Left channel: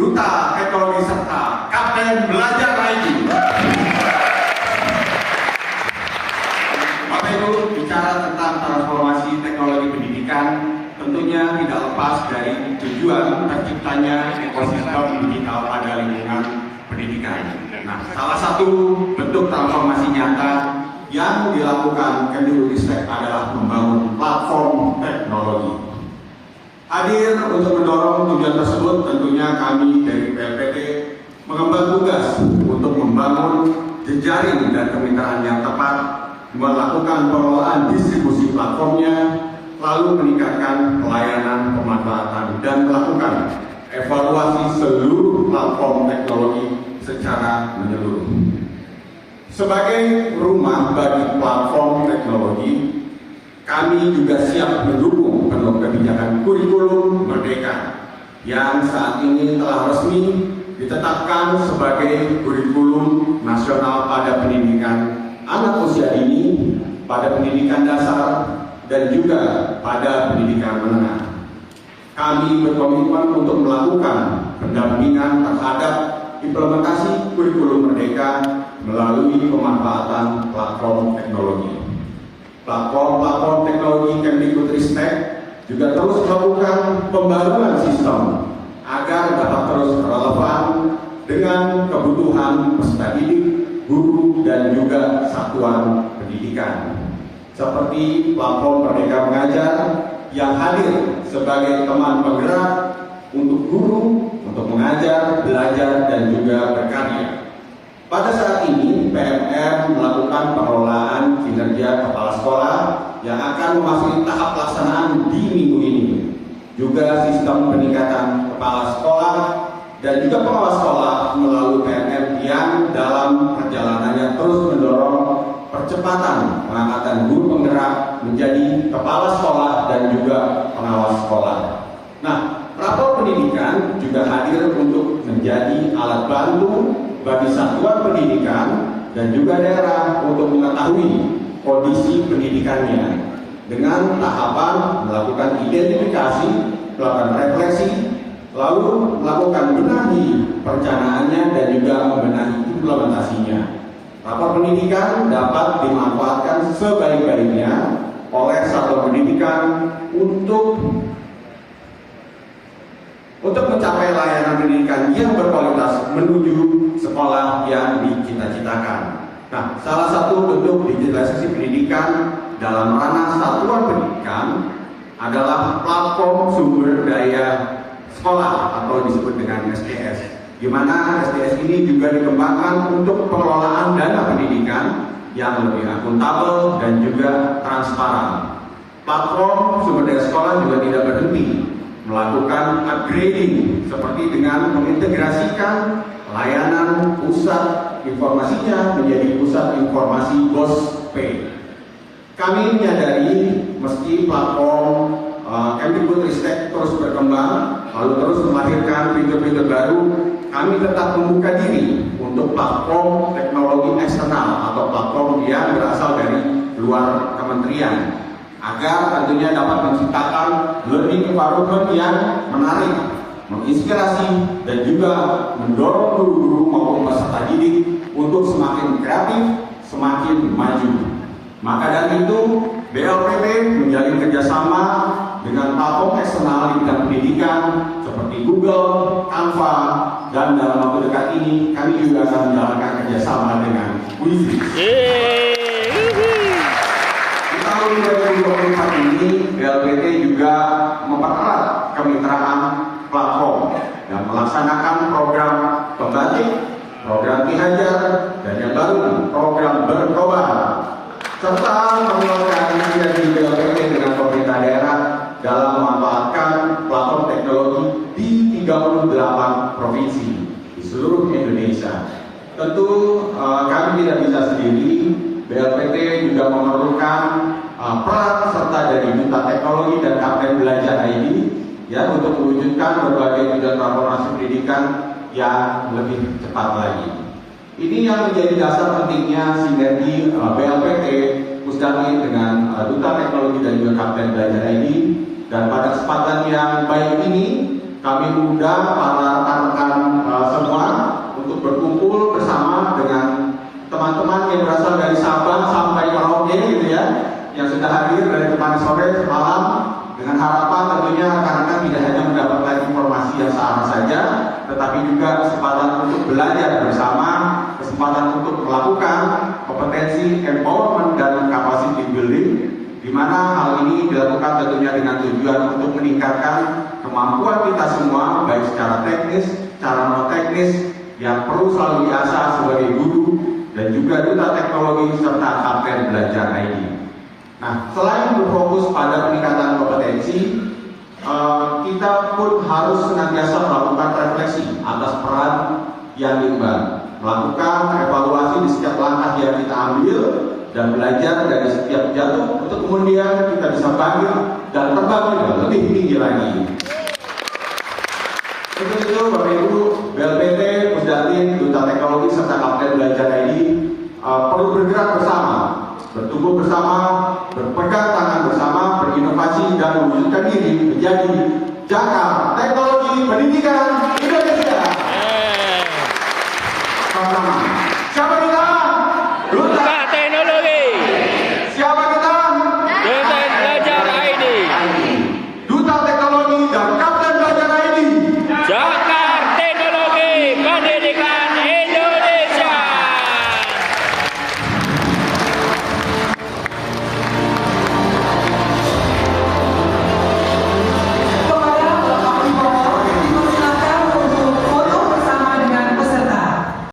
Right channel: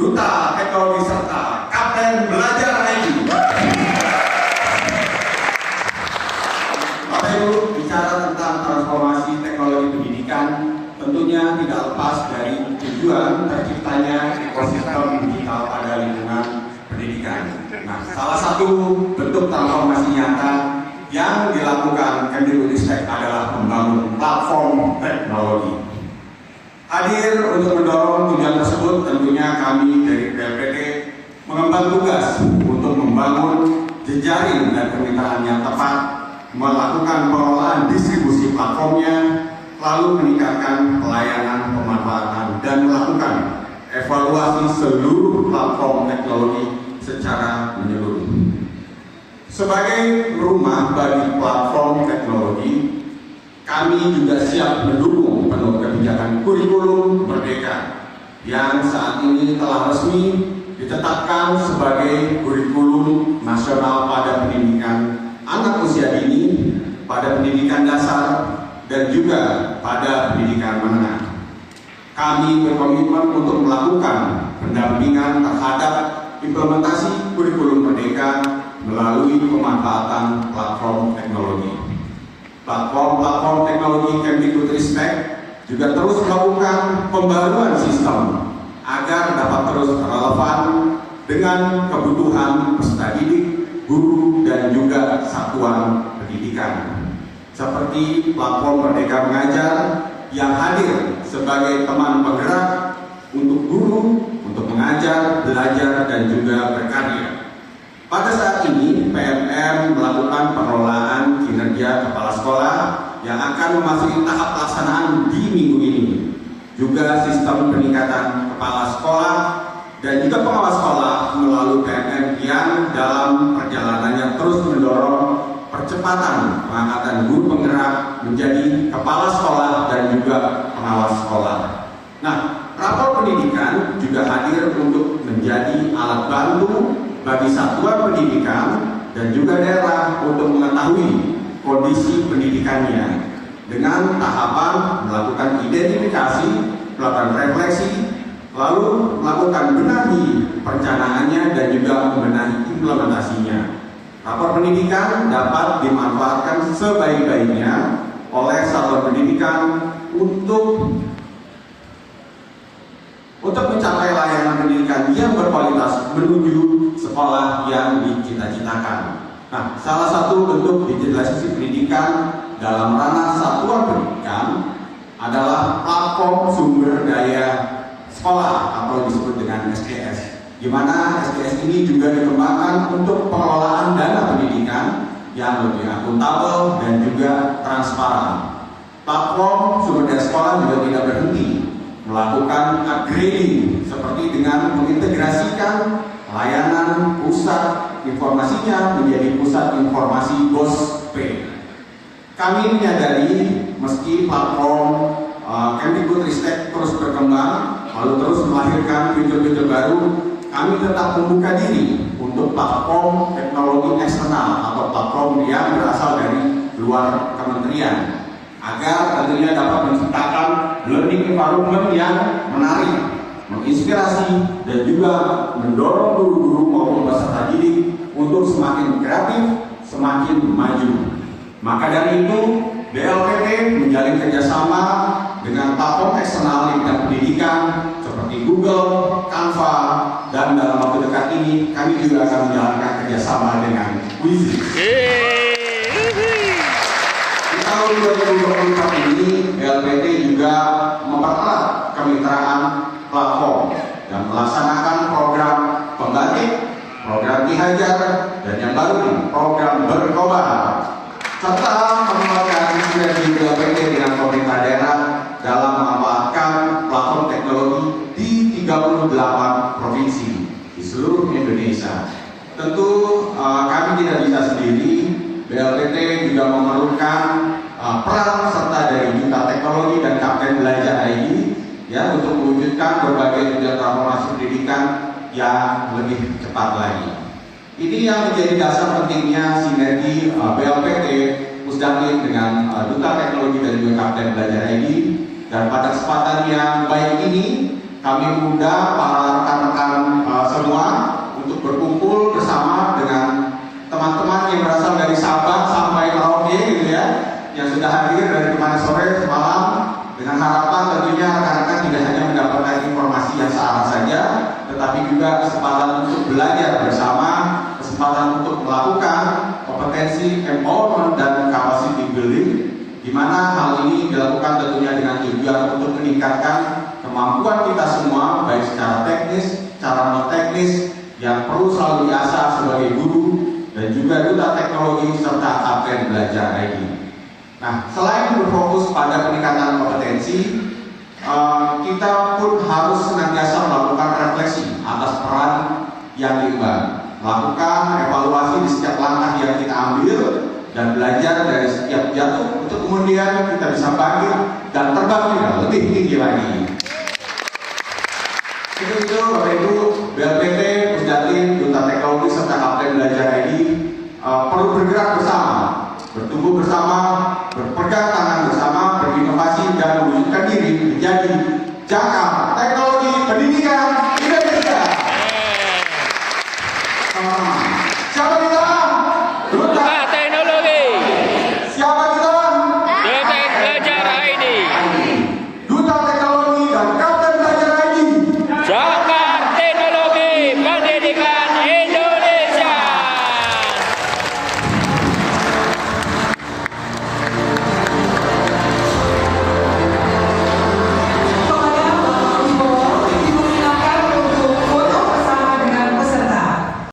Duta Teknologi serta Kapten Belajar IT. Bapak Ibu, bicara tentang transformasi teknologi pendidikan tentunya tidak lepas dari tujuan terciptanya ekosistem digital pada lingkungan pendidikan. Nah, salah satu bentuk transformasi nyata yang dilakukan Kemdikbudristek adalah membangun platform teknologi. Hadir untuk mendorong tujuan tersebut, tentunya kami dari BLPT mengemban tugas untuk membangun jejaring dan kemitraan yang tepat, melakukan pengelolaan distribusi platformnya, lalu meningkatkan pelayanan pemanfaatan dan melakukan evaluasi seluruh platform teknologi secara menyeluruh. Sebagai rumah bagi platform teknologi, kami juga siap mendukung penuh kebijakan kurikulum merdeka yang saat ini telah resmi ditetapkan sebagai kurikulum nasional pada pendidikan anak usia dini, pada pendidikan dasar, dan juga pada pendidikan menengah. Kami berkomitmen untuk melakukan pendampingan terhadap implementasi kurikulum merdeka melalui pemanfaatan platform teknologi. Platform teknologi Kemdikbudristek juga terus melakukan pembaruan sistem agar dapat terus relevan dengan kebutuhan peserta didik, guru, dan juga satuan pendidikan. Seperti platform Merdeka Mengajar yang hadir sebagai teman penggerak untuk guru, untuk mengajar, belajar, dan juga berkarya. Pada saat ini, PMM melakukan pengelolaan kinerja kepala sekolah yang akan memasuki tahap pelaksanaan di minggu ini. Juga sistem peningkatan kepala sekolah dan juga pengawas sekolah melalui PMM yang dalam perjalanannya terus mendorong percepatan pengangkatan guru penggerak menjadi kepala sekolah dan juga pengawas sekolah. Nah, rapor pendidikan juga hadir untuk menjadi alat bantu bagi satuan pendidikan dan juga daerah untuk mengetahui kondisi pendidikannya dengan tahapan melakukan identifikasi, melakukan refleksi, lalu melakukan benahi perencanaannya dan juga membenahi implementasinya. Rapor pendidikan dapat dimanfaatkan sebaik-baiknya oleh satuan pendidikan untuk mencapai layanan pendidikan yang berkualitas menuju sekolah yang dicita-citakan. Nah, salah satu bentuk digitalisasi pendidikan dalam ranah satuan pendidikan adalah platform sumber daya sekolah atau disebut dengan SDS, di mana SDS ini juga dikembangkan untuk pengelolaan dana pendidikan yang lebih akuntabel dan juga transparan. Platform sumber daya sekolah juga tidak berhenti melakukan upgrading seperti dengan mengintegrasikan layanan pusat informasinya menjadi pusat informasi BOSP. Kami menyadari meski platform Kemdikbudristek terus berkembang, lalu terus melahirkan fitur-fitur baru, kami tetap membuka diri untuk platform teknologi eksternal atau platform yang berasal dari luar kementerian, agar tentunya dapat menciptakan learning environment yang menarik, menginspirasi, dan juga mendorong guru-guru maupun peserta didik untuk semakin kreatif, semakin maju. Maka dari itu, BLPT menjalin kerjasama dengan platform eksternal di bidang pendidikan seperti Google, Canva, dan dalam waktu dekat ini kami juga akan menjalankan kerjasama dengan Wizy. Di tahun 2024 ini, BLPT juga mempererat kemitraan platform dan melaksanakan program pembatik, program Ki Hajar, dan yang baru program Berkobar, serta mengelola sinergi BLPT dengan pemerintah daerah dalam memanfaatkan platform teknologi di 38 provinsi di seluruh Indonesia. Tentu kami tidak bisa sendiri, BLPT juga memerlukan peran serta dari Duta Teknologi dan Kapten Belajar ID ya, untuk mewujudkan berbagai tujuan transformasi pendidikan yang lebih cepat lagi. Ini yang menjadi dasar pentingnya sinergi BLPT Pusdakir dengan Duta Teknologi dan juga Kapten Belajar ID. Dan pada kesempatan yang baik ini, kami mengundang para rekan-rekan juga kesempatan untuk belajar bersama, kesempatan untuk melakukan kompetensi empowerment dan capacity building, di mana hal ini dilakukan tentunya dengan tujuan untuk meningkatkan kemampuan kita semua, baik secara teknis, secara non teknis, yang perlu selalu diasah sebagai guru dan juga duta teknologi serta Kapten Belajar ID. Nah, selain berfokus pada peningkatan kompetensi, kita pun harus senantiasa melakukan refleksi atas peran yang diemban, melakukan evaluasi di setiap langkah yang kita ambil dan belajar dari setiap jatuh untuk kemudian kita bisa bangkit dan terbang lebih tinggi lagi. Itu Bapak Ibu, BLPT, Pusdatin, Duta Teknologi serta Kapten Belajar ID perlu bergerak bersama, bertumbuh bersama, berpegang tangan bersama, berinovasi dan mewujudkan diri menjadi Jakarta Teknologi Pendidikan